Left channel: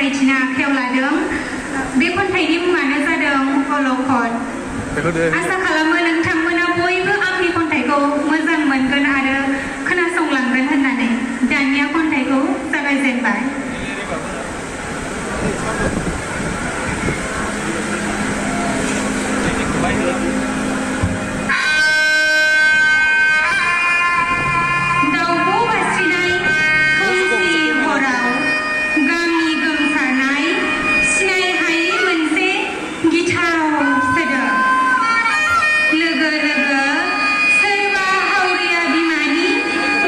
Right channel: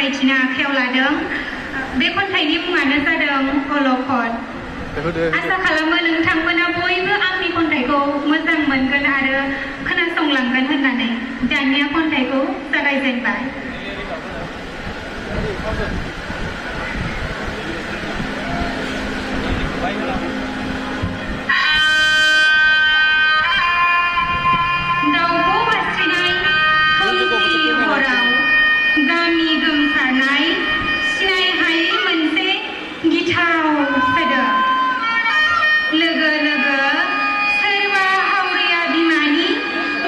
फरायथिनो आखायाव लादों बे खन्थाइनि मुङानो जादों अलखद आसा खालामो नोंथांमोना बयबो आंनि खन्थाइखौ मोजां मोनगोन आरो खोनासंलांगोन होननानै दानिया खन्थाइखौ जागायजेनबाय गामि गोमसारनाय सिनाय हायै मोनसे गिथाव सोदोब लोगो लोगो सोरबा हावरिया बिमानि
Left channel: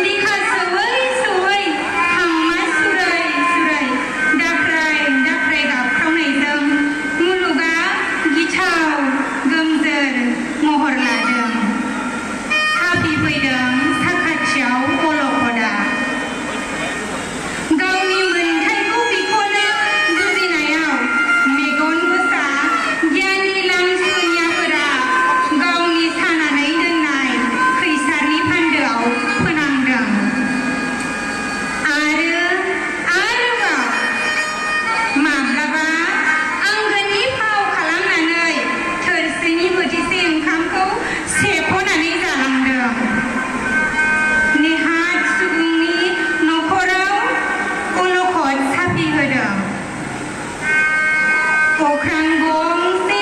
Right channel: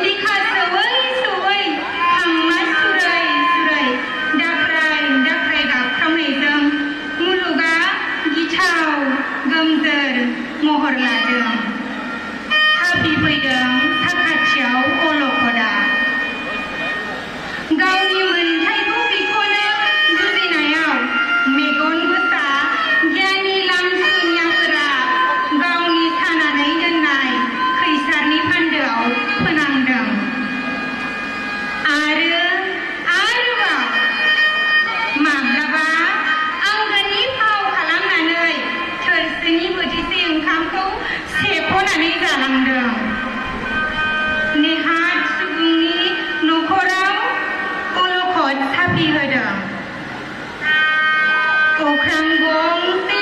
बिखा सौवै सौवै थांमा सुरै सुरै दाख्राय दाख्राय गाबख्रावनायजों मुलुगा गिथाव गोमजोर महर लादों हाबफैदों साखाथियाव अलखदा नेहाथ सुबुंनि न'खराव अलखद साफि होदों अख्रां गंसे